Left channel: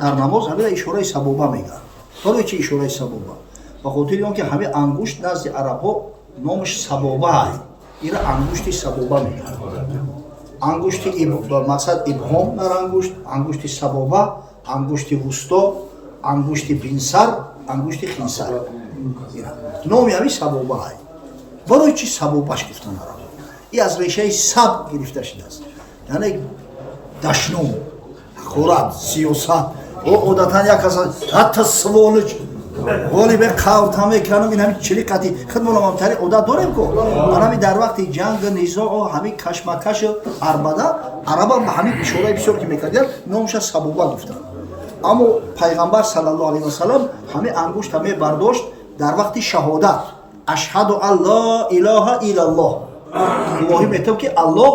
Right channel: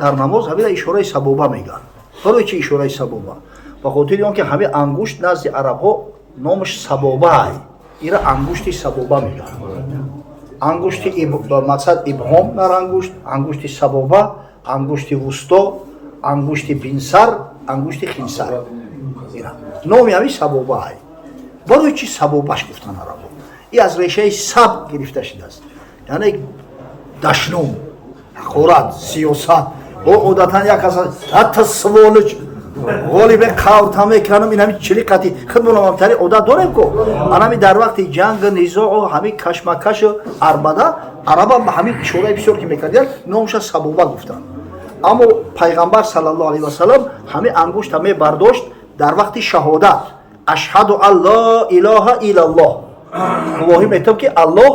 дар намоз ҳамин ишораи сабоба мегӯянд. барои чи ишораи сабоба? ба хотири он ки ҳамин ангушт назди арабҳо номаш сабоба аст. ира ангушти сабоба мегӯянд. ангушти мақсад ибҳом дар ангушт, ангушти сабоба, ангушти вусто, ангушти бинсар, ангушти хинсар. номи ҳамин сабоба аст. барои чи сабобаш гуфтан арабҳо? ин аз решаи саб гирифта шудааст. яъне дашнум, ҳақорат, сиёсат. одатан як кас ҳатто сволич ғолибан қавта мекунам ин ҳамин чилиқати худмонамтари одат дорем ко анами дар вақти ҷанг низоъу ҳамин кашмакашу арбада араба ба ҳамин ишораи бисёр ки мекардиянд номаша сабоба гуфтанд. аммо пайғамбар саллаллоҳу алайҳи васалам ҳамин ангушта мебардошт дар вақти шаҳодат. ашҳаду ан ла илаҳа илlalloh, гувоҳӣ метавам ки аллоҳ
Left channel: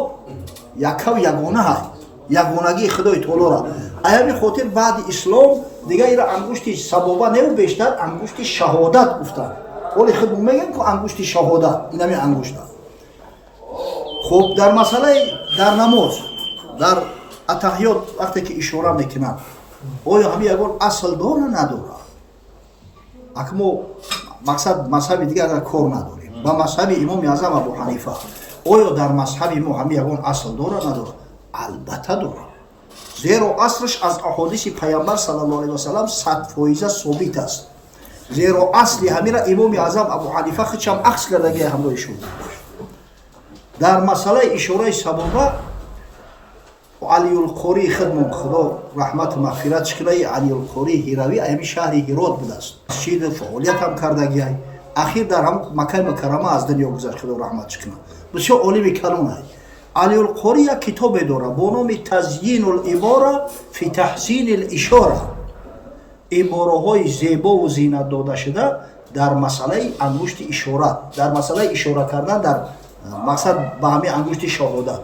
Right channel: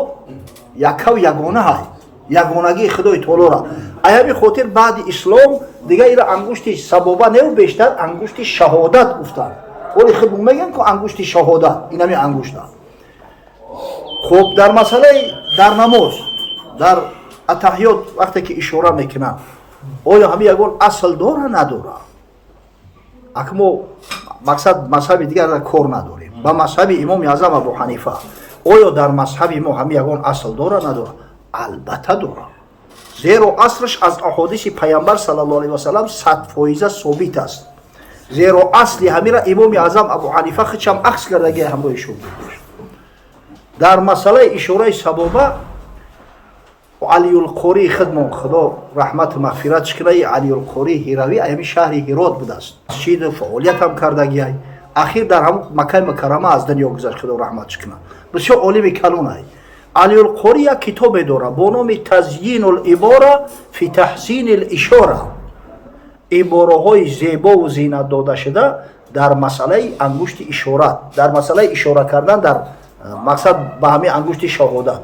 якав ягона ҳай, ягонагии худои таолора. ай ҳамин хотир баъди ислом дига ира ангушти сабоба не бештар ангушти шаҳодат гуфтанд. оли худ мегӯянд ки ангушти шаҳодат ин ҳамин ангушта. хуб дар масъалаи дар намоз дар атаҳиёт вақте ки ишора мекунанд оё ҳамин ягон асл дора надора? акмо мақсад мазҳаби дигар кор надорем. ба мазҳаби имоми аъзам абу ҳанифа оё дар мазҳаби мо ҳамин ягон асл дора надора? албатта дора. зеро аслаш аз аҳодиси пайғамбар саллаллоҳу алайҳи васалам 100% собит аст. зеро асли ҳамира имоми аъзам абу ҳанифа худшам ахз кардаги ҳамроҳи шогирд дошт. дар масъалаи ишораи сабоба алиюлқории худмон худо раҳмату мағфират кунад, алиюлқории ҳиравӣ ҳамин шаҳри ҳирот будааст. масҷид фаъолиятам кардагиай. ахир дар ҳамн маккаи мукаррама аз дунё гузашт, худо раҳмат кунад. бисёр олими калон ай. алиюлқори як китобе дора бо номи тазйинул ибора фи таҳсинил ишора. ибораҳои зебову зинат дода шуда дар масъалаи ангушти ишорат, дар масъалаи ишора кардан дар мақсад ба ҳамин ангушти шаҳодат.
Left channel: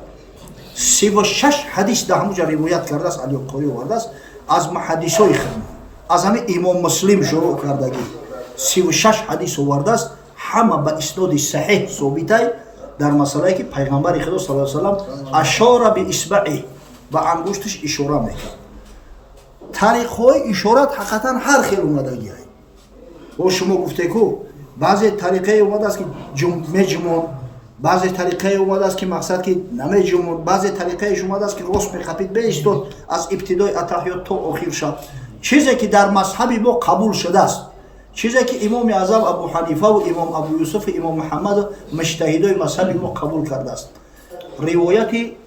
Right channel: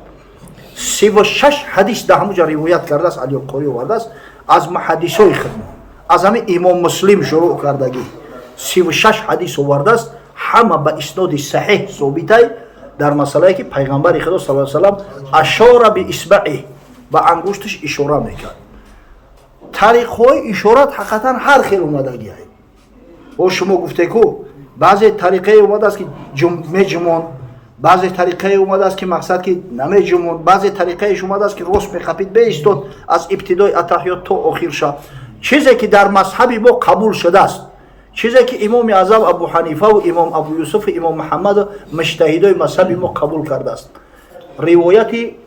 36 ҳадис дар ҳамуҷа ривоят кардааст, алиюлқори овардааст аз муҳаддисои худмон, аз ҳамин имом муслим шурӯъ кардагӣ 36 ҳадис овардааст, ҳама ба исноди саҳеҳ собитай дар масъалае ки пайғамбари худо саллаллоҳу алайҳи васалам ашора би исбаъи, ба ангушташ ишора мекард. тариқҳои ишорат ҳақиқатан ҳар хел омадагиай. бо шумо гуфтеку баъзе тариқае омадааст ки меҷумон, баъзе тариқае омадааст ки мақсад ки намеҷумон, баъзе тариқаеш омадааст ки рост меқапид беистод аз ибтидои атаҳиёт то охирша. чизе ки дар мазҳаби мо қабул шудааст, чизе ки имоми аъзам абу ҳанифаву имом абу юсуфу имом муҳаммаду муҷтаҳидои мазҳаби мо қабул кардааст. ривояти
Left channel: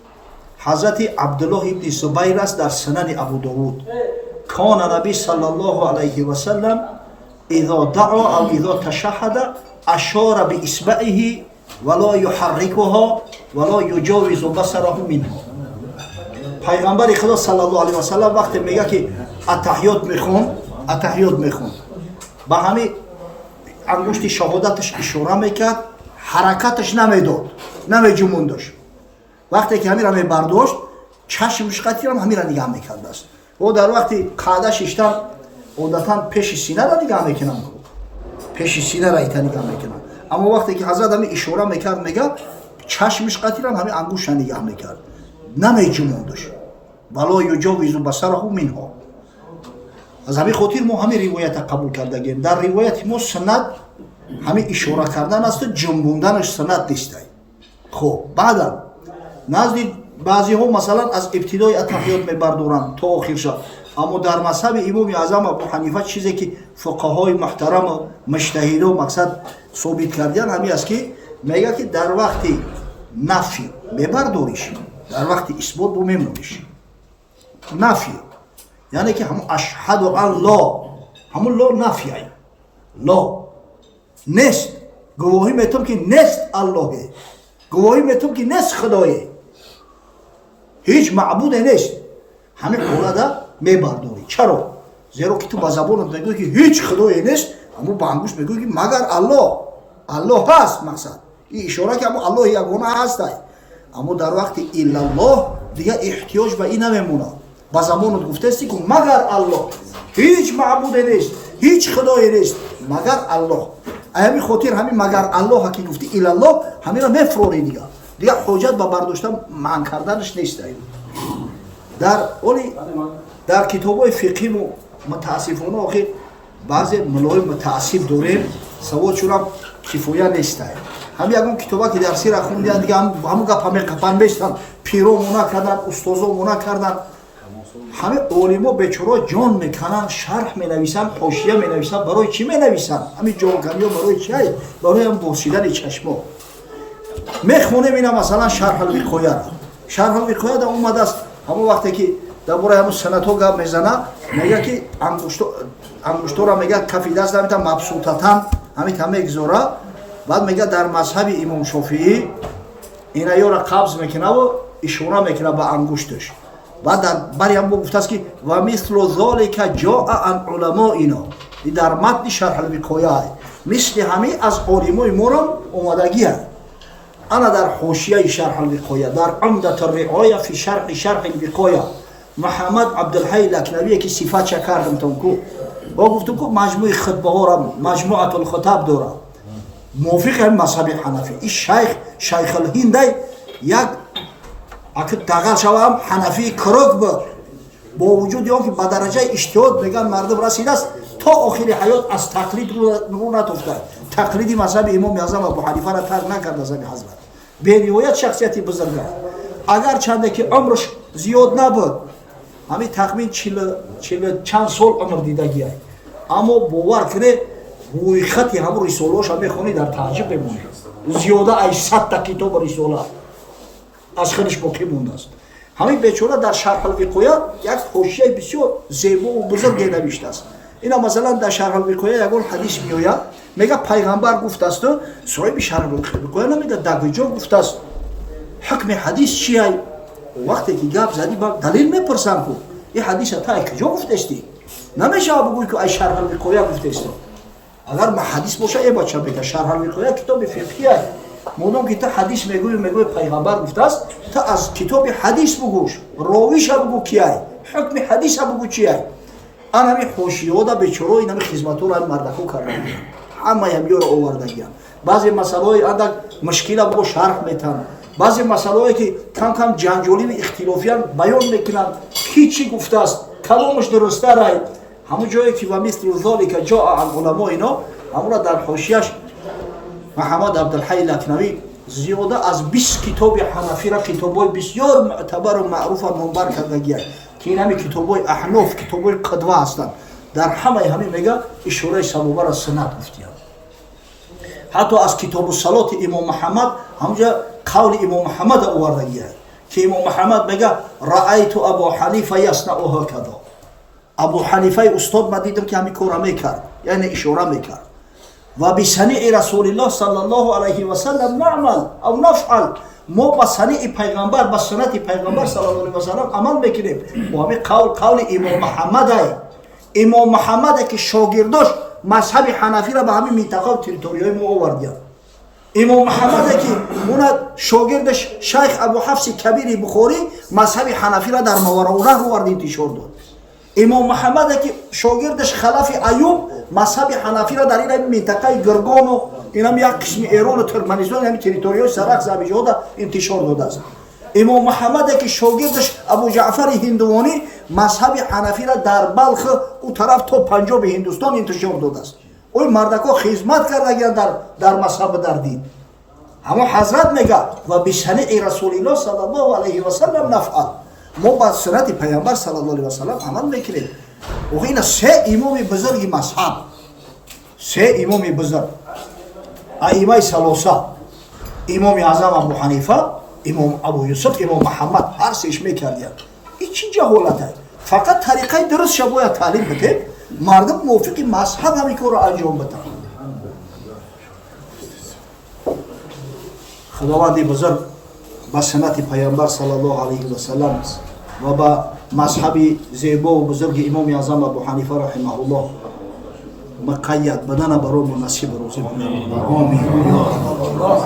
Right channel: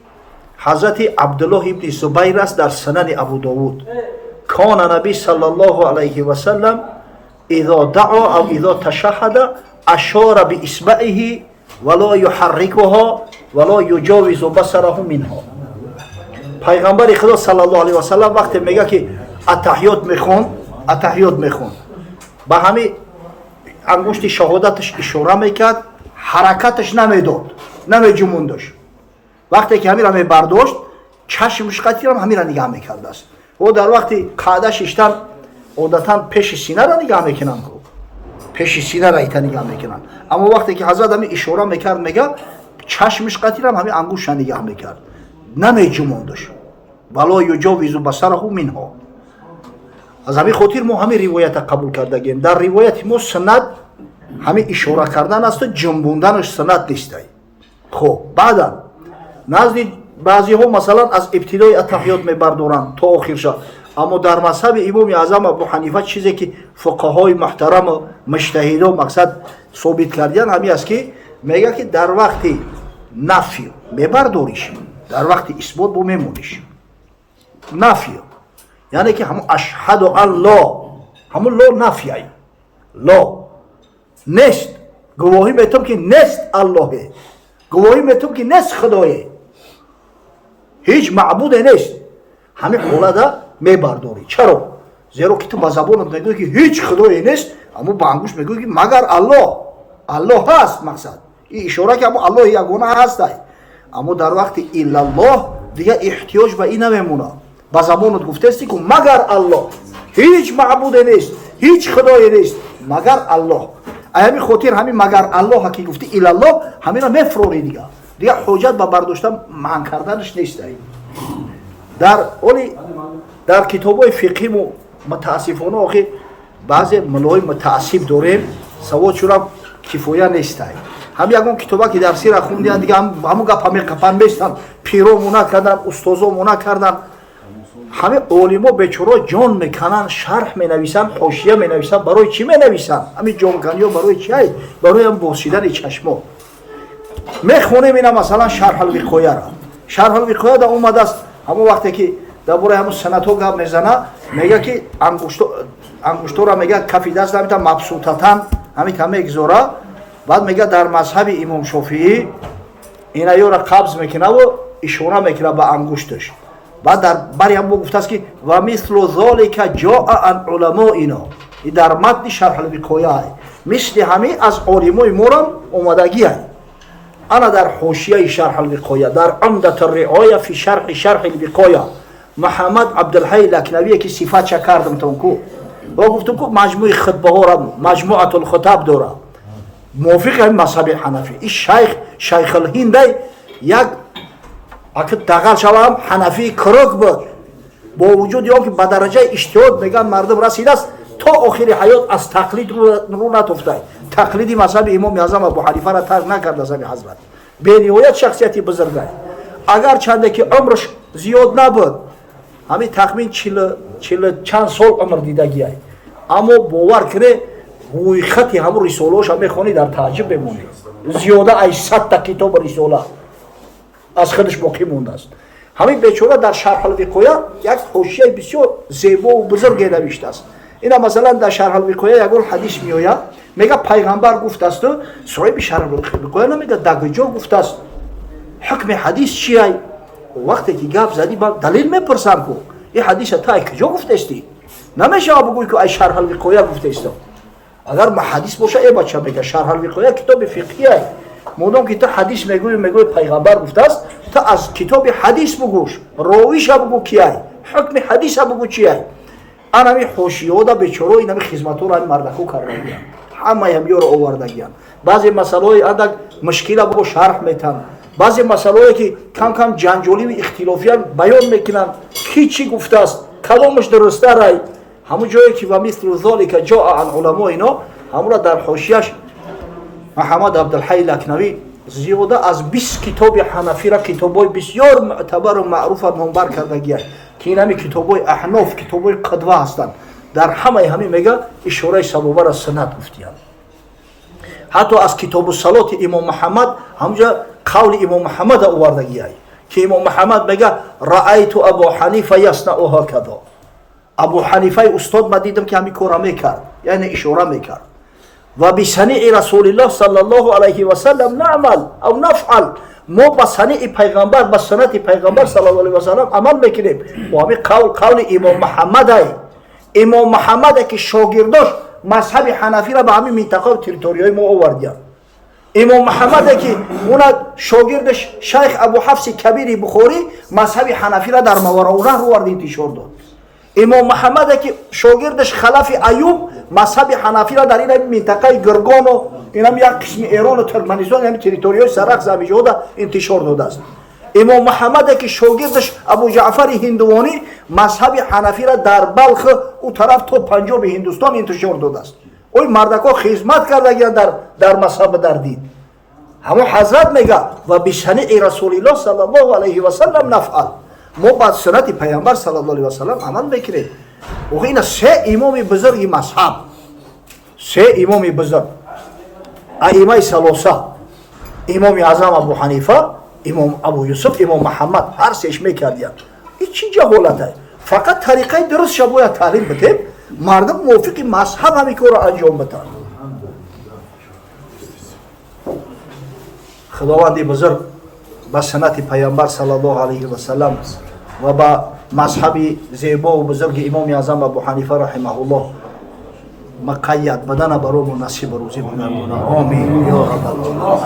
ҳазрати абдуллоҳ ибни зубайр аст дар санани абу довуд. кона набӣ саллаллоҳу алайҳи васалам идо даъо ав идо ташаҳҳада ашора би исбаъиҳи вало юҳаррикуҳо вало юҷовизу басараҳу минҳо. пайғамбари худо саллаллоҳу алайҳи васалам вақте мега ки атаҳиёт мехонд ба ҳамин ангушти шаҳодаташ ишора мекард, ҳаракаташ намедод, намеҷумондаш. вақте ки ҳамира мебардошт чашмш қатирам ҳамира нигаҳ мекардааст. о дар вақти қаъда шиштан одатан пеши синара нигаҳ мекунанд, пеши синара ита нигаҳ мекунанд. аммо вақте ки ҳазрат ҳамин ишора мекард мега чашмш қатирам ҳамин ангуштша нигаҳ мекард, намеҷумондаш. вало юҷовизу басараҳу минҳо. аз ҳамин хотир мо ҳамин ривоята қабул кардагем. дар ривояти мо суннат ҳамин ишора кардан асту ҷумбунданаш суннат нистай. хуб баъдан назди баъзиҳо масалан аз ибтидои атаҳиёт мебардоранд то охирша. аммо дар мазҳаби имоми аъзам абу ҳанифа чизе ки фуқаҳои муҳтараму муҷтаҳидо мақсад собит кардиянд ҳамин аст ки мега ки дар вақти нафӣ мебардориш, дар вақти исбот бо мемониш. нафӣ яъне ки ҳамун ашҳаду ан ло, ҳамун ло нафъай, ло нест, гувоҳӣ метавам ки нест аллоҳе, гувоҳӣ метавам ки нест худое, ҳеҷ маъбуде нест. ҳамин ҳолада мебардорӣ. чаро? зеро ки ту ба забонат мегӯӣ ки ҳеҷ худое нест, аммо ба ангушт мегӯӣ ки магар аллоҳ, аллоҳ ҳаст. мақсад ин ишора ки аммо аллоҳи ягона ҳастай. аммо дар вақти иллаллоҳ дига эҳтиёҷ ба ин намемонад. ба забонат гуфтаести ки магар аллоҳ, ҳеҷ маъбуде нест, ҳеҷ худое нест магар аллоҳ. ҳамин хотир ҳамин магар аллоҳа ки гуфти илаллоҳ ҳамира мефурори дига ҳоҷат ба бардоштан манъ карданаш нестай. در کتاب‌های فقهی متاسفانه آخه بعضی ملای متعصب داریم سوادشون هم کفایه نیست. هم یکون کتابا که درسی را خوندن دیگه همون گپ همه کپن بیستن پیرو مونا کردن استازو مونا کردن همه علما بیچاره جان میکنن شرح مینویسن حاشیه مینویسن برای چی مینویسن همین جامکنی برای چی برای هم بوسیدن چشما میخونیم اینا مثلا شرح الوقایه را شرح الوقایه دا اومده است همون وقتی که درباره همون سنتو گپ میزنه میگه که انگشتو را میگه کف دست نمیتا مبسوطتن همین میگذاره بعد میگه در مذهب امام شافعی اینا یو را قبض میکنه و اشاره میکنه به انگشتش بعد در بری هم گفته است که و مثل ذلك جاء عن علمائنا در متن شرح الوقایه مثل همین از علمای ما هم اومدگی است انا در حاشیه شرح الوقایه در عمدة الرعایه فی شرح الوقایه محمد عبدالحی لکنوی که صفات چه کردم تونکو و گفتم که مجموع خطبه ها را مجموعه الخطاب داره موافق هم مذهب حنفی این شیخ الهند یک اگه دقل شوام حنفی کروک بود با وجود یا که به درجه اجتهاد میگن مردم رسیده است تا آخر حیات از تقلید رو نتفته تقلیدی مذهب امام اعظم ابو حنیفه را ترک نکرد از حضرت به نهایت شخصیتی بزرگ است اگر چنده که عمرش زیاد نبود همین تخمین 40 چند سال عمر دیدگی است اما باور کنه روی خطی همون رساله‌اش هم میخونی در تعجب بمونی زیاده از 100 تا کتاب رساله از خودش باقی مونده است همین بیچاره در شرح الوقایه یک حاشیه بسیار زیبا و بزرگ نوشته است اینا مثلا در شرح الوقایه یک حدیث میآید میگه پیغمبر گفته است صاحب شرح الوقایه نمیگه دگجا گفته است حکم حدیث چیه وقتی که گپ زدی با دلیل میپرسم کو این حدیث تا کجا گفته استی نمیشه بگویی که ای شرح الوقایه گفته است اگر ما حدیث باشه ای بچه بگه شرح الوقایه کتاب فقهی است مودم که تا حدیث میگوی پیغمبر گفته است تا از کتاب حدیث بگوش راویش بگو کیه حکم حدیث بگو چیه انا می حاشیه دا بیچاره اینا می خدمتو را مردکو کردگی همه هم یورو آوردگی بعضی مسائل اندک مشکل بگو شرح میتن بعضی مسائلی که کم کم جنجالی و اختلافی بیان میکنن کی چی گفته است کدامش درسته رای همون جایی که و مثل ذلك جاء عن علمائنا همون در حاشیه‌اش محمد عبدالحی لکنوی زیاده از 20 کتاب حنفی را کتابای بسیار معتبر و معروف منبر کردگی است که این همین کتابای احناف کتابای قدوه هستند در همه میگه اشاره سبوبه را سند گفتیان حتی از کتاب الصلات امام محمد همونجا قول امام محمد آوردگی است که امام محمد میگه رأیت ابو حنیفه یصنع هکذا ابو حنیفه استاد ما دیدم که همین کارا میکرد یعنی اشاره میکرد و بسنیع رسول الله صلی الله علیه و سلم نعمل او نفعل ما با سنیع پیغمبر با سنت پیغمبر صلی الله علیه و سلم عمل میکنیم و همین قول امام محمد است امام محمد که شاگرداش مذهب حنفی را به همین منطقه و تریتوریای ما آوردند امام محمد که اون شاگردش شیخ ابو حفص کبیر بخاری مذهب حنفی را در ماوراءالنهر رو آورد انتشار داد امام محمد که شاگردش خلف ایوب مذهب حنفی را در این منطقه گرگان و اینم یک قسم ایران و ترکمنستان همین تریتوریای سرخ زبیجاده انتشار داده است امام محمد که شاگردش ابو جعفر هندوانی مذهب حنفی را در بلخ او طرف تا پنجاب هندوستان انتشار داده است اوی مردکا خدمت کردگی در مذهب در دین همون حضرت میگه و بسنیع رسول الله صلی الله علیه و سلم نفعل ما با سنت پیامبر صلی الله علیه و سلم عمل میکنیم و این سه امام بزرگ مذهب سه امام بزرگ ائمه ثلاثه امام اعظم ابو حنیفه امام ابو یوسف امام محمد هر سهش میکردند این چی جهالت فقط طریقه درست شبوه تعلیم بدیم مردم موافق مذهب همین کار را انجام بدن خداوند بزرگ با سنت پیامبر صلی الله علیه و سلم و با مذهب زیبا و بزرگ امام اعظم ابو حنیفه رحمه الله مقید بدن برام نصیب روزی بدن آمین یا رب العالمین